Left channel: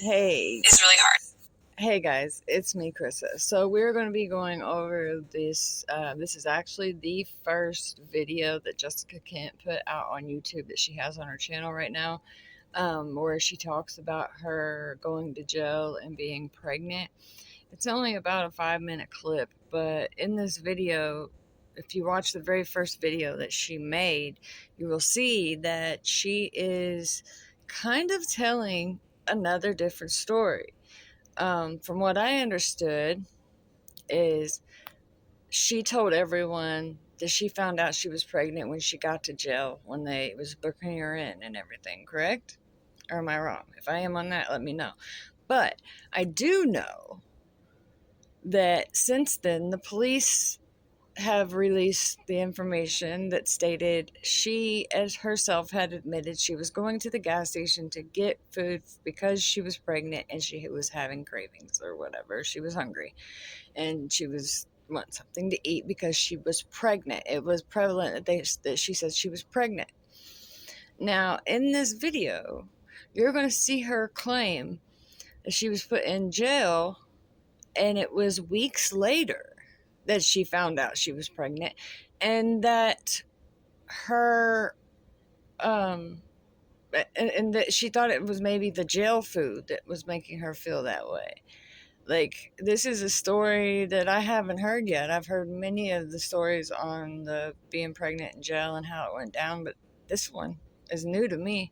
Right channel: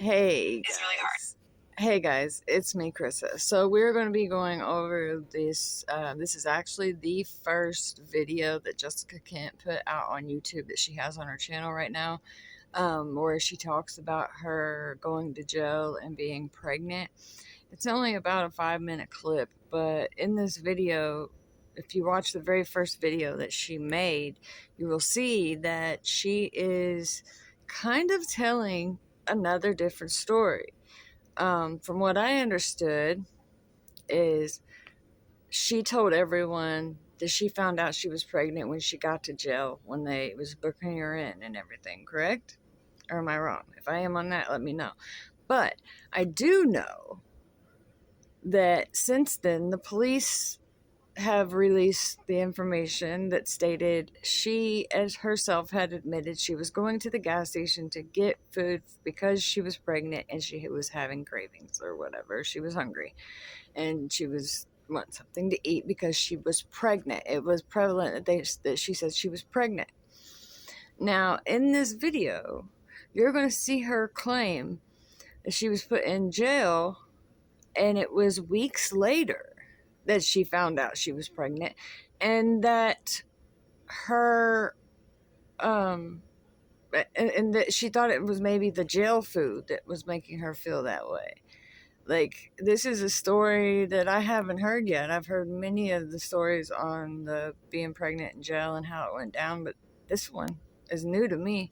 Hey, is really hard. hey guys, it's me, KRYSA. So we're going to be going over this. This is actually the first video that Jessica Kent put out on YouTube that she has on her channel right now, where she talks about her going to jail and being pregnant. It's only about a 5-minute clip, but in this video, if you watch the very first video that she made, you will see that she is kind of telling another different story. From what I understood, is she told everyone that she found out she was pregnant when she got to jail when they was booking her in and everything. Correct? Or am I wrong? If I am on that, let me know. But I do know that since then, the police have released the information that stated she, as herself, had admitted she was going to the gas station to get food because she was pregnant and she was having cravings or whatever. She was hungry and she was want something to eat because she was pregnant. It was prevalent that she said she was pregnant. Now, in this video, you're going to see her claim that she was put in jail, and it was weeks later that she found out she was pregnant, and that her and that she thought it was maybe the jail food that was making her feel that way. Like, this is a story that I haven't heard yet. I've heard many of the stories on the being pregnant in jail and how it went down, but this one is new to me.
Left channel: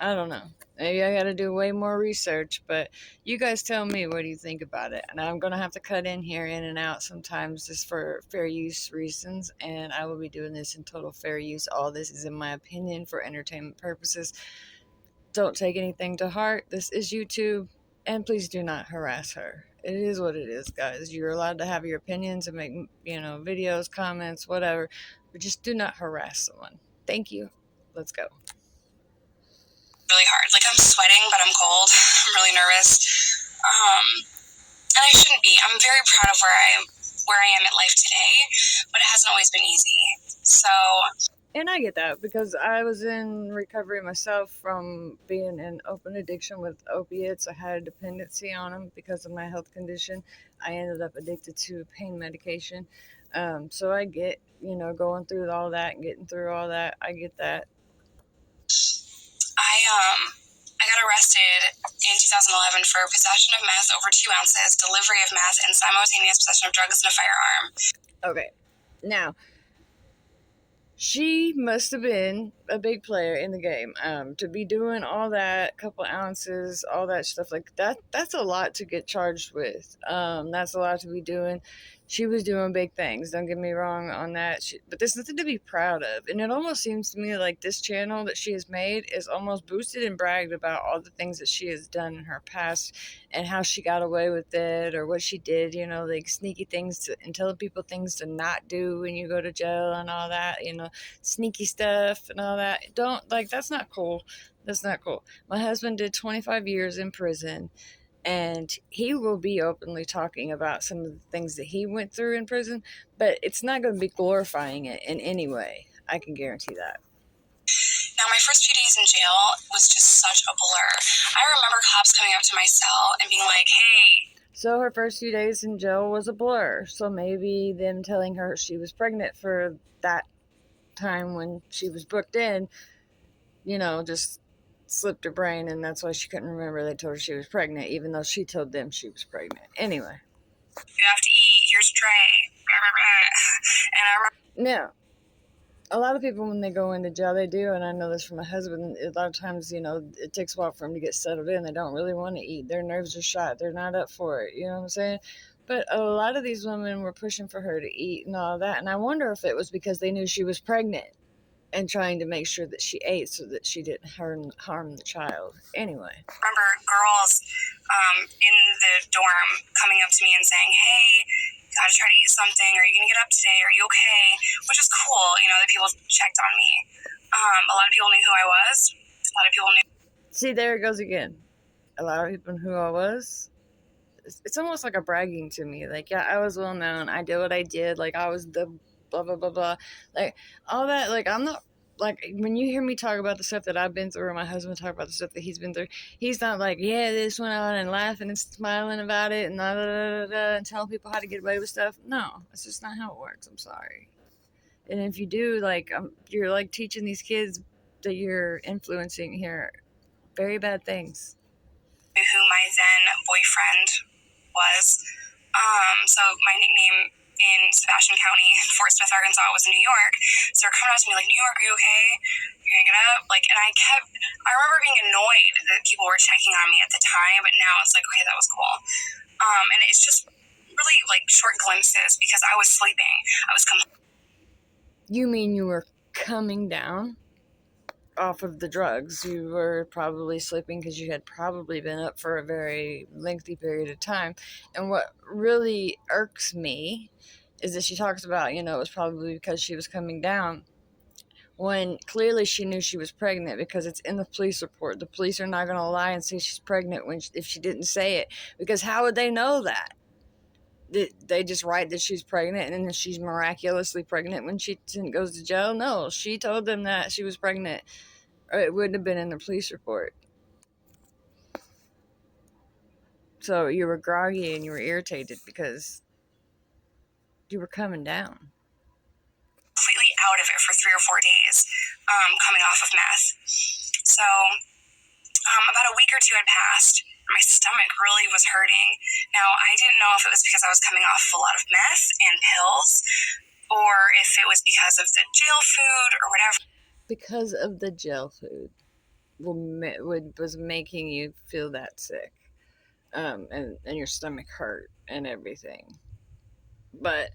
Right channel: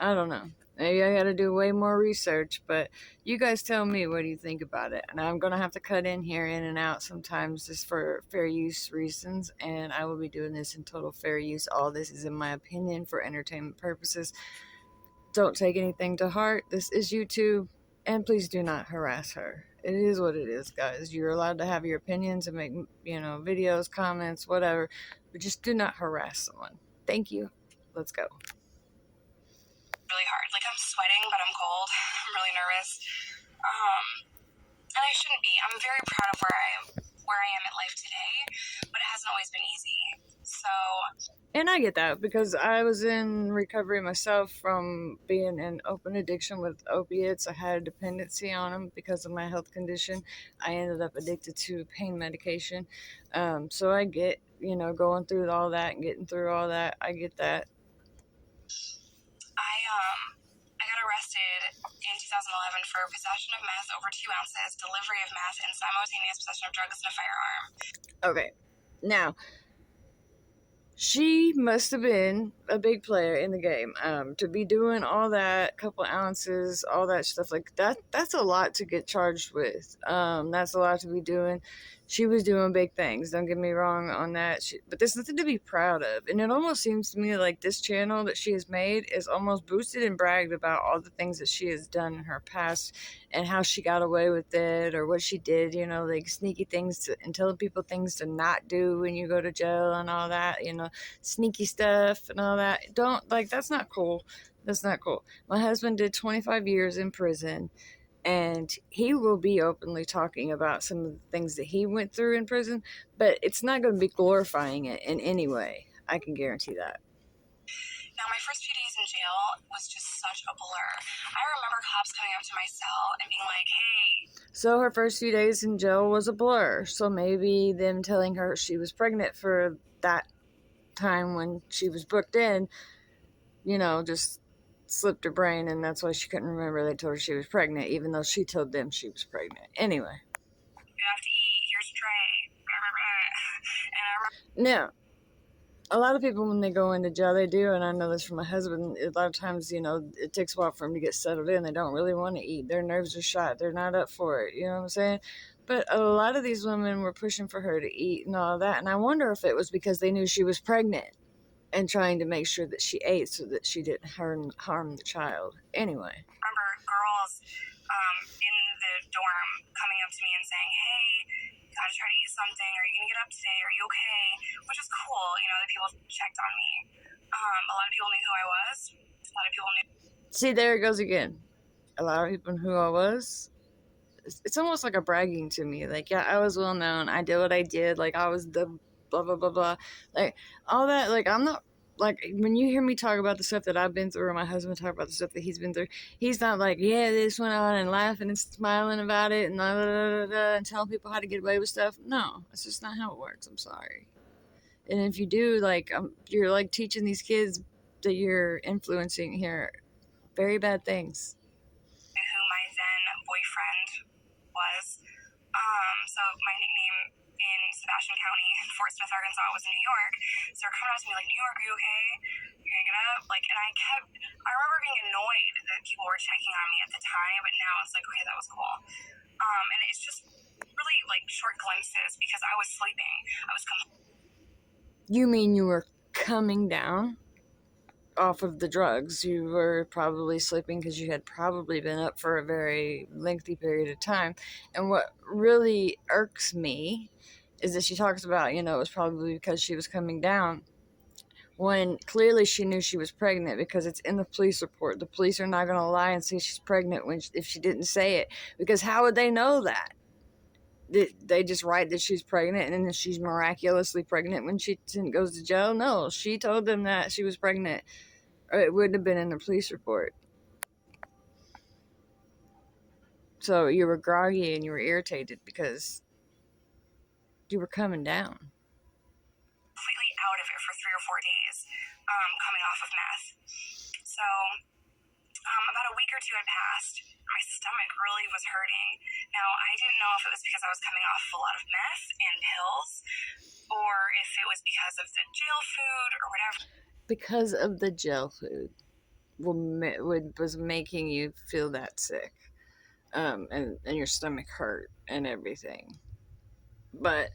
I don't know. Maybe I gotta do way more research, but you guys tell me, what do you think about it? And I'm gonna have to cut in here, in and out sometimes, just for fair use reasons, and I will be doing this in total fair use. All this is in my opinion for entertainment purposes. Don't take anything to heart. This is YouTube, and please do not harass her. It is what it is, guys. You're allowed to have your opinions and make, videos, comments, whatever, but just do not harass someone. Thank you. Let's go. Really hard. Like, I'm sweating, but I'm cold. I'm really nervous. And I shouldn't be. I'm very proud of where I am in life today, but it hasn't always been easy. So, and I get that, because I was in recovery myself from being in open addiction with opiates. I had a dependency on them because of my health condition. I ended up addicted to pain medication. So I get, going through all that and getting through all that. I get that. I got arrested in 2011 for possession of meth over 2 ounces, delivery of meth, and simultaneous possession of drugs and a firearm. Okay. Now, she must have been a big player in the game. To be doing all that, couple ounces, all that stuff like that, that's a lot to get charged with. That's a lot to be doing. She was doing big things, don't get me wrong on that. But there's nothing to be proud of. And it almost seems to me like this channel that she has made is almost boosted and bragged about all the things that she has done in her past and how she got away with it, or what she did, like sneaky things and telling people things to not do when you go to jail and all that, sneaky stuff and all that. That's not cool. That's not cool. My husband did 25 years in prison, and he will be openly talking about some of the things that he went through in prison, but it's not going to be glorifying it in any way. I can guarantee that. Now, my first few days in jail was just such a blur. I remember cops coming up to my cell and being like, hey. So her first few days in jail was a blur. So maybe them telling her she was pregnant for that time when she was booked in, just slipped her brain, and that's why she couldn't remember they told her she was pregnant, even though she told them she was pregnant. Anyway. You have to eat. Here's a tray. And I remember... Now, a lot of people, when they go into jail, they do, and I know this from my husband, a lot of times, it takes a while for them to get settled in. They don't really want to eat. Their nerves are shot. They're not up for it. You know what I'm saying? But a lot of these women were pushing for her to eat and all that, and I wonder if it was because they knew she was pregnant and trying to make sure that she ate so that she didn't harm the child. Anyway. I remember girls in the dorm coming up to me and saying, hey, you gotta try to eat something. Are you gonna get up today? Are you okay? Which is cool, that people checked on me. A lot of people knew who I was. A lot of people knew. See, there it goes again. A lot of people knew who I was. It's almost like a bragging to me. Like, yeah, I was well known. I did what I did. Like, I was the blah, blah, blah, blah. Like, all that. Like, I'm not like, when you hear me talk about the stuff that I've been through, or my husband talk about the stuff that he's been through, he's not like, yeah, this went on, and laughing and smiling about it, and blah, blah, blah, blah, and telling people how to get away with stuff. No, that's just not how it works. I'm sorry. And if you do, like, you're like teaching these kids that you're influencing here very bad things. Who my then boyfriend was. So my nickname in Sebastian County, Fort Smith, Arkansas, was New York. So they're coming out to me like, New York, are you okay? You're gonna get up? Like, and I remember being annoyed that people were checking on me at the time, but now it's like, okay, that was cool. And it's just really like short glimpses because I was sleeping. You mean you were coming down off of the drugs? You were probably sleeping because you had probably been up for a very lengthy period of time. And what really irks me is that she talks about, it was probably because she was coming down, when clearly she knew she was pregnant, because it's in the police report. The police are not going to lie and say she's pregnant if she didn't say it, because how would they know that? They just write that she's pregnant, and then she's miraculously pregnant when she goes to jail? No, she told them that she was pregnant, or it wouldn't have been in the police report. So you were groggy and you were irritated because you were coming down. Completely out of it for 3 or 4 days, coming off of meth. So about a week or 2 had passed. My stomach really was hurting. Now, I didn't know if it was because I was coming off of a lot of meth and pills, or if it was because of the jail food or whatever. Because of the jail food was making you feel that sick, and your stomach hurt and everything. But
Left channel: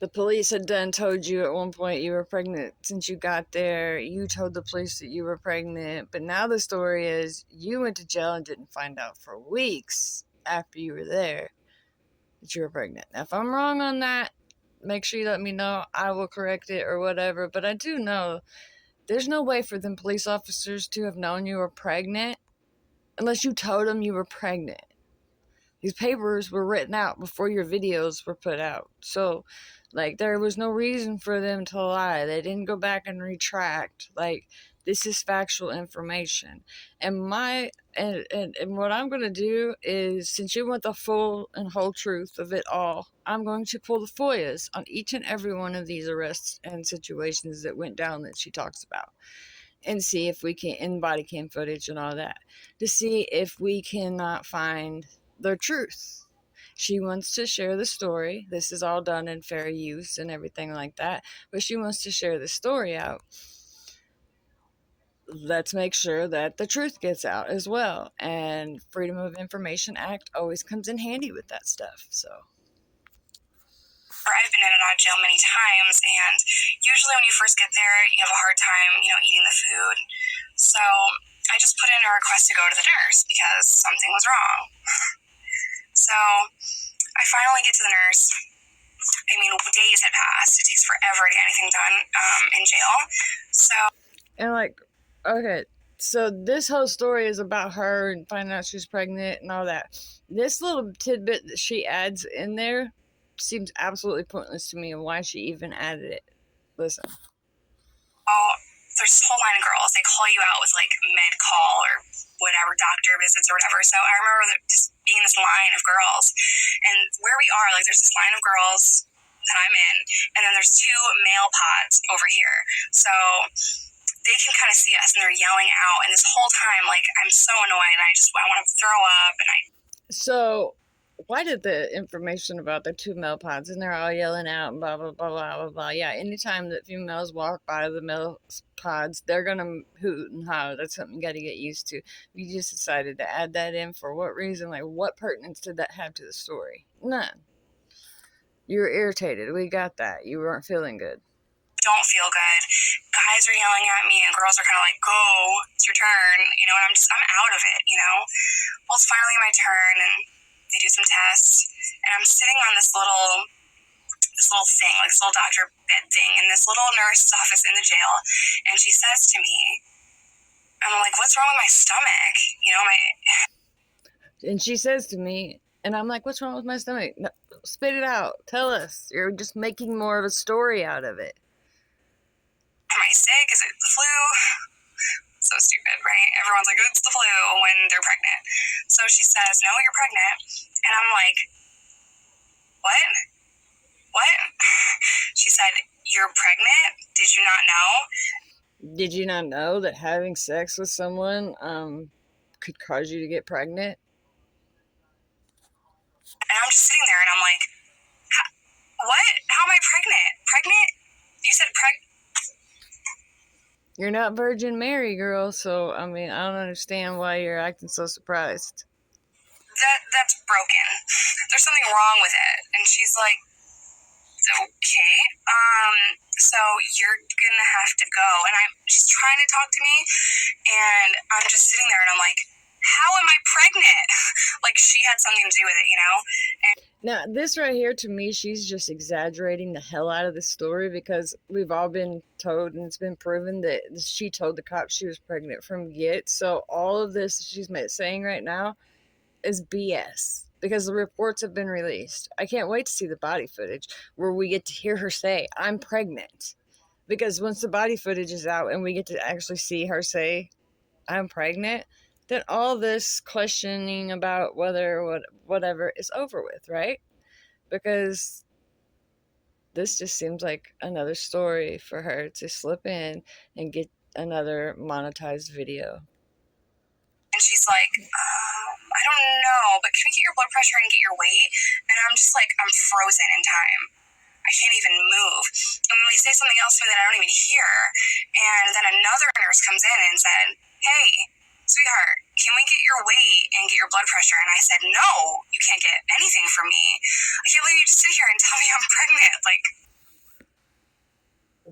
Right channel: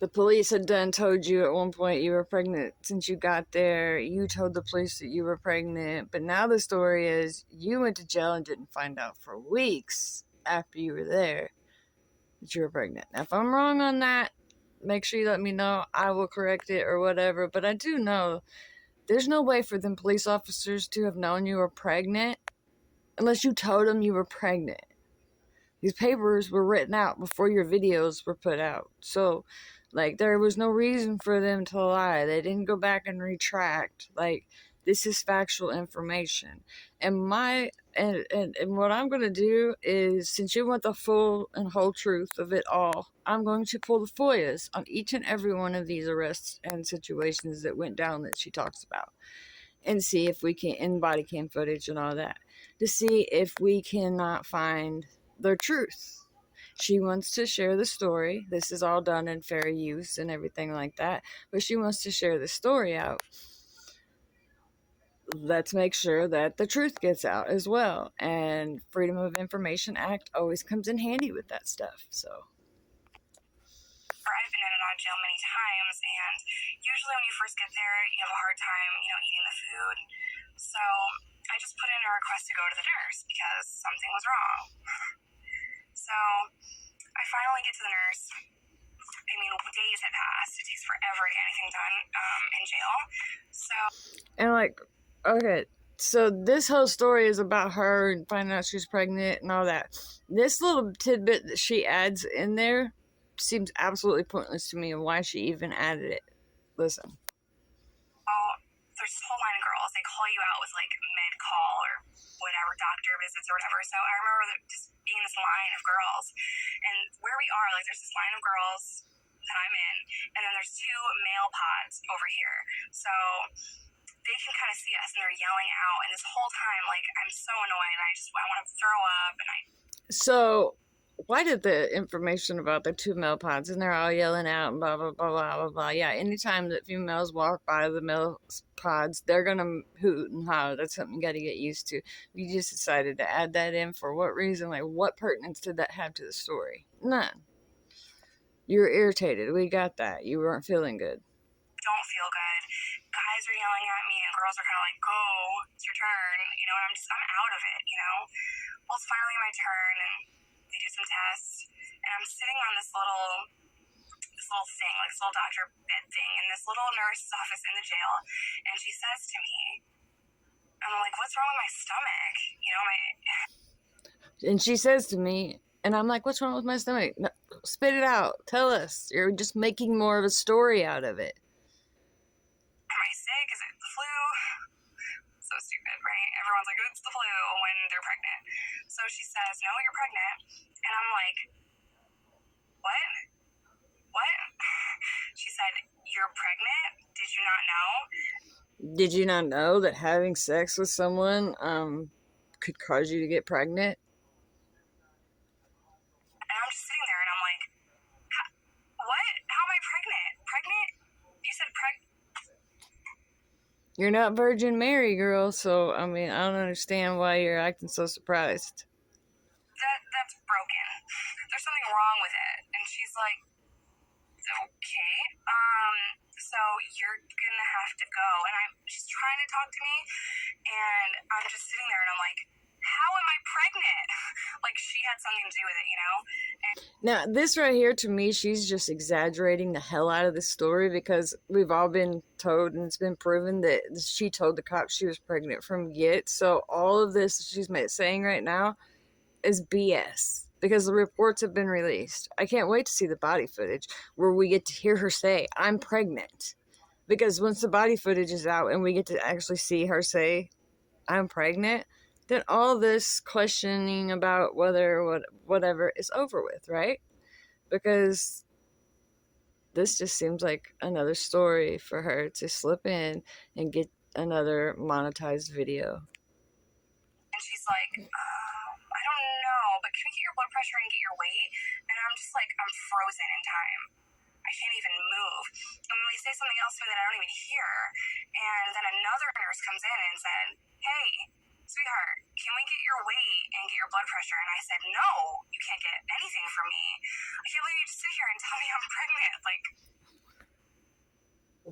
the police had told you at one point you were pregnant. Since you got there, you told the police that you were pregnant. But now the story is you went to jail and didn't find out for weeks after you were there that you were pregnant. Now, if I'm wrong on that, make sure you let me know. I will correct it or whatever. But I do know there's no way for them police officers to have known you were pregnant unless you told them you were pregnant. These papers were written out before your videos were put out. So, like, there was no reason for them to lie. They didn't go back and retract. Like, this is factual information. And what I'm going to do is, since you want the full and whole truth of it all, I'm going to pull the FOIAs on each and every one of these arrests and situations that went down that she talks about, and see if we can, in body cam footage and all that, to see if we cannot find the truth. She wants to share the story. This is all done in fair use and everything like that, but she wants to share the story out. Let's make sure that the truth gets out as well. And Freedom of Information Act always comes in handy with that stuff. So I've been in and out of jail many times, and usually when you first get there, you have a hard time, eating the food. So I just put in a request to go to the nurse because something was wrong. So I finally get to the nurse. I mean, days had passed. It takes forever to get anything done in jail. So, and okay, so this whole story is about her and finding out she's pregnant and all that. This little tidbit that she adds in there seems absolutely pointless to me, and why she even added it. Listen. There's this whole line of girls. They call you out with like med call or whatever, doctor visits or whatever. So I remember just being in this line of girls, and where we are, like, there's this line of girls that I'm in, and then there's 2 male pods over here. So they can kind of see us, and they're yelling out. And this whole time, like, I'm so annoyed, and I want to throw up. So why did the information about the 2 male pods, and they're all yelling out and blah, blah, blah, blah, blah, blah. Yeah, anytime that females walk by the male pods, they're going to hoot and holler. That's something you got to get used to. You just decided to add that in for what reason? Like, what pertinence did that have to the story? None. You were irritated. We got that. You weren't feeling good. Don't feel good. Guys are yelling at me, and girls are kind of like, go, it's your turn, and I'm out of it, Well, it's finally my turn, and they do some tests, and I'm sitting on this little thing, like this little doctor bed thing, in this little nurse's office in the jail, and she says to me, I'm like, what's wrong with my stomach? And she says to me, and I'm like, what's wrong with my stomach? No, spit it out. Tell us. You're just making more of a story out of it. Am I sick? Is So stupid, right? Everyone's like, it's the flu when they're pregnant. So she says, no, you're pregnant. And I'm like, what? What? She said, you're pregnant? Did you not know? Did you not know that having sex with someone could cause you to get pregnant? And I'm just sitting there and I'm like, what? How am I pregnant? Pregnant? You said You're not Virgin Mary, girl, so, I mean, I don't understand why you're acting so surprised. That's broken. There's something wrong with it. And she's like, okay, so you're gonna have to go. And she's trying to talk to me, and I'm just sitting there and I'm like, how am I pregnant? Like she had something to do with it, you know? And now, this right here, to me, she's just exaggerating the hell out of the story, because we've all been told, and it's been proven, that she told the cops she was pregnant from get. So all of this she's saying right now is BS, because the reports have been released. I can't wait to see the body footage where we get to hear her say, I'm pregnant. Because once the body footage is out and we get to actually see her say, I'm pregnant, then all this questioning about whatever is over with, right? Because this just seems like another story for her to slip in and get another monetized video. And she's like, I don't know, but can we get your blood pressure and get your weight? And I'm just like, I'm frozen in time. I can't even move. And then they say something else to me that I don't even hear. And then another nurse comes in and said, hey, sweetheart, can we get your weight and get your blood pressure? And I said, no, you can't get anything from me. I can't believe you just sit here and tell me I'm pregnant. Like,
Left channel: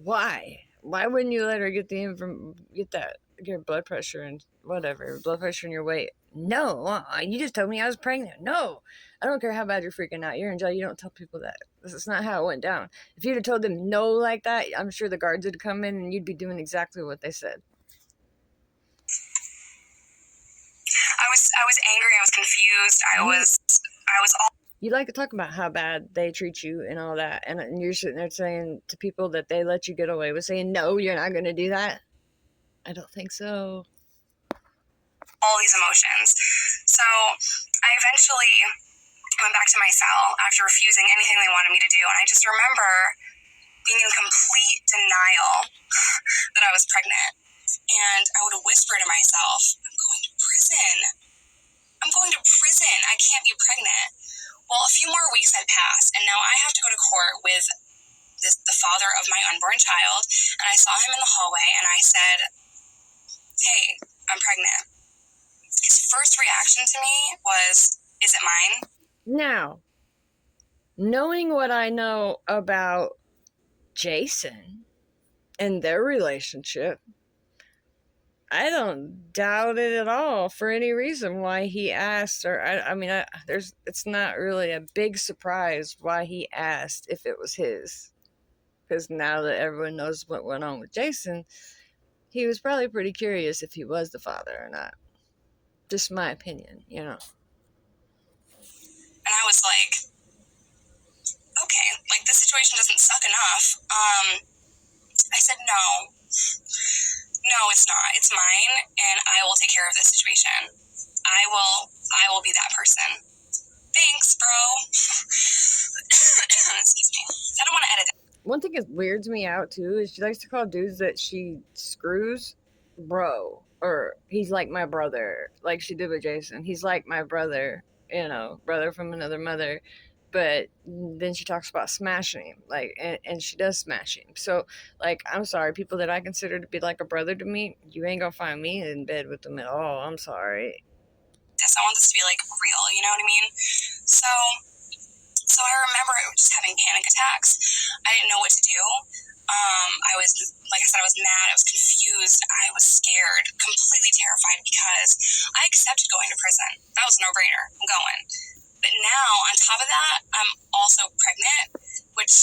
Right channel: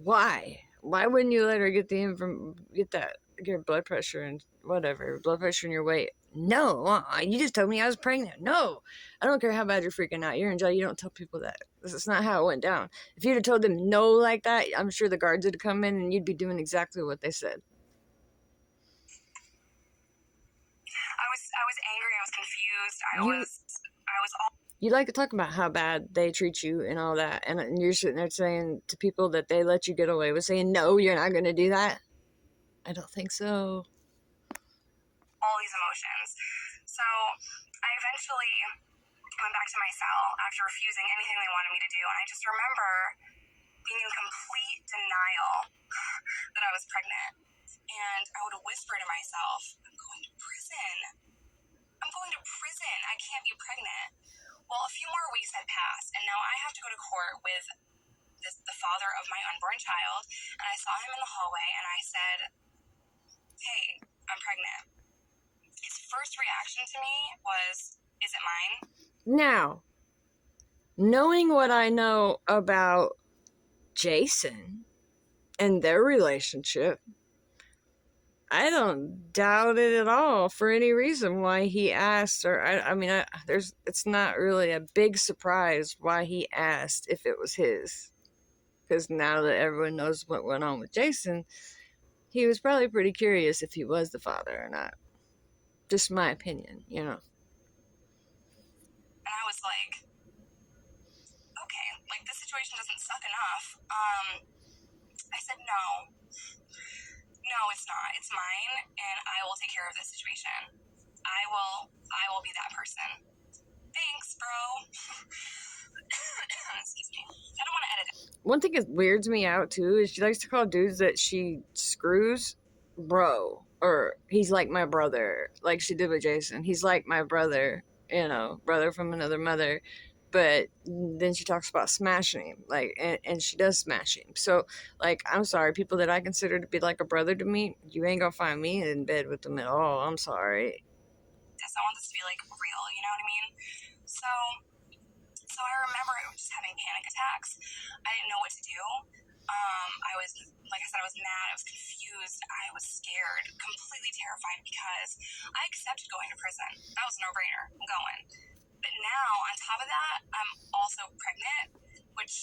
why? Why wouldn't you let her get your blood pressure and whatever, blood pressure and your weight? No, you just told me I was pregnant. No, I don't care how bad you're freaking out. You're in jail. You don't tell people that. This is not how it went down. If you'd have told them no like that, I'm sure the guards would have come in and you'd be doing exactly what they said. I was angry. I was confused. I was all. You like to talk about how bad they treat you and all that, and you're sitting there saying to people that they let you get away with saying, no, you're not going to do that? I don't think so. All these emotions. So I eventually went back to my cell after refusing anything they wanted me to do, and I just remember being in complete denial that I was pregnant. And I would whisper to myself, I'm going to prison. I'm going to prison. I can't be pregnant. Well, a few more weeks had passed, and now I have to go to court with the father of my unborn child, and I saw him in the hallway, and I said, hey, I'm pregnant. His first reaction to me was, is it mine? Now, knowing what I know about Jason and their relationship, I don't doubt it at all for any reason why he asked, or it's not really a big surprise why he asked if it was his, because now that everyone knows what went on with Jason, he was probably pretty curious if he was the father or not. Just my opinion, you know. And I was like, okay, like this situation doesn't suck enough. I said, no, it's not. It's mine, and I will take care of this situation. I will be that person. Thanks, bro. Excuse me. I don't want to edit it. One thing that weirds me out too is she likes to call dudes that she screws bro, or he's like my brother, like she did with Jason. He's like my brother, you know, brother from another mother. But then she talks about smashing him, like, and she does smash him. So, like, I'm sorry, people that I consider to be like a brother to me, you ain't gonna find me in bed with them at all. I'm sorry. I want this to be like real, you know what I mean? So I remember just having panic attacks. I didn't know what to do. I was, like I said, I was mad. I was confused. I was scared, completely terrified, because I accepted going to prison. That was a no-brainer. I'm going. But now, on top of that, I'm also pregnant, which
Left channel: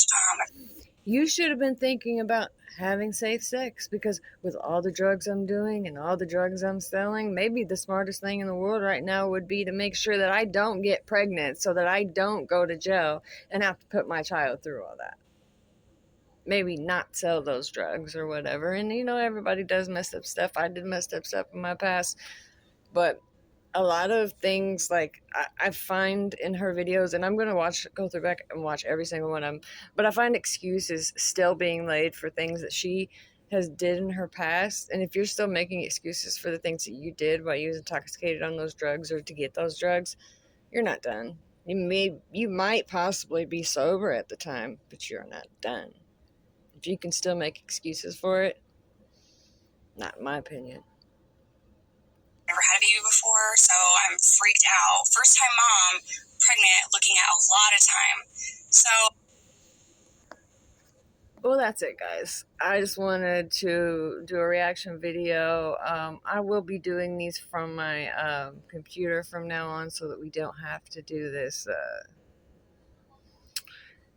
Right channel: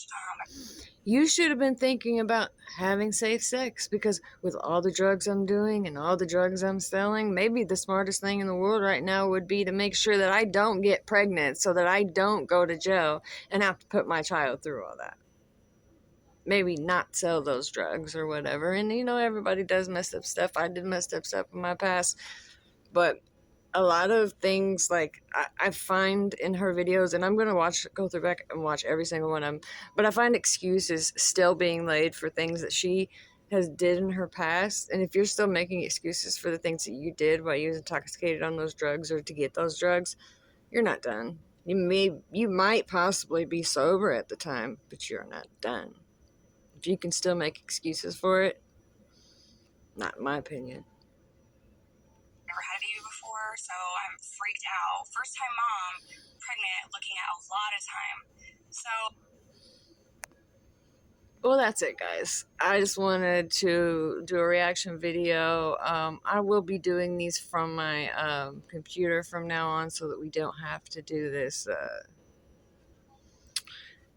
you should have been thinking about having safe sex, because with all the drugs I'm doing and all the drugs I'm selling, maybe the smartest thing in the world right now would be to make sure that I don't get pregnant so that I don't go to jail and have to put my child through all that. maybe not sell those drugs or whatever. And you know, everybody does messed up stuff. I did messed up stuff in my past, but a lot of things like I find in her videos, and I'm gonna go through back and watch every single one of them, but I find excuses still being laid for things that she has did in her past. And if you're still making excuses for the things that you did while you was intoxicated on those drugs or to get those drugs, you're not done. You might possibly be sober at the time, but you're not done. If you can still make excuses for it, not in my opinion. Never had a baby before, so I'm freaked out. First time mom, pregnant, looking at a lot of time. So, well, that's it, guys. I just wanted to do a reaction video. I will be doing these from my computer from now on so that we don't have to do this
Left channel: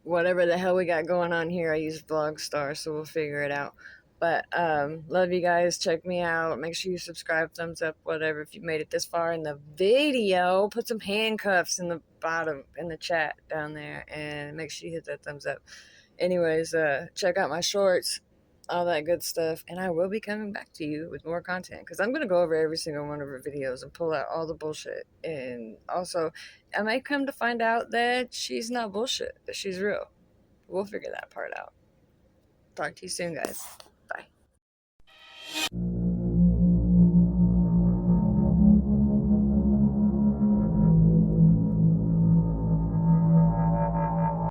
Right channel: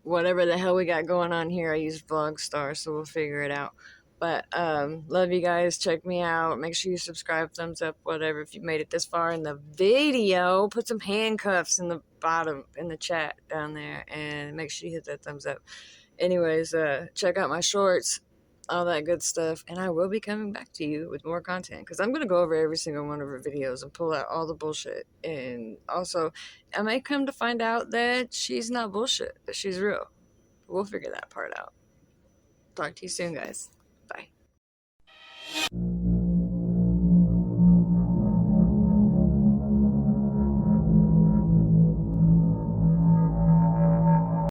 whatever the hell we got going on here. I use Vlogstar, so we'll figure it out. But love you guys. Check me out. Make sure you subscribe, thumbs up, whatever. If you made it this far in the video, put some handcuffs in the bottom in the chat down there, and make sure you hit that thumbs up. Anyways, check out my shorts, all that good stuff, and I will be coming back to you with more content because I'm going to go over every single one of her videos and pull out all the bullshit. And also, I might come to find out that she's not bullshit, that she's real. We'll figure that part out. Talk to you soon, guys.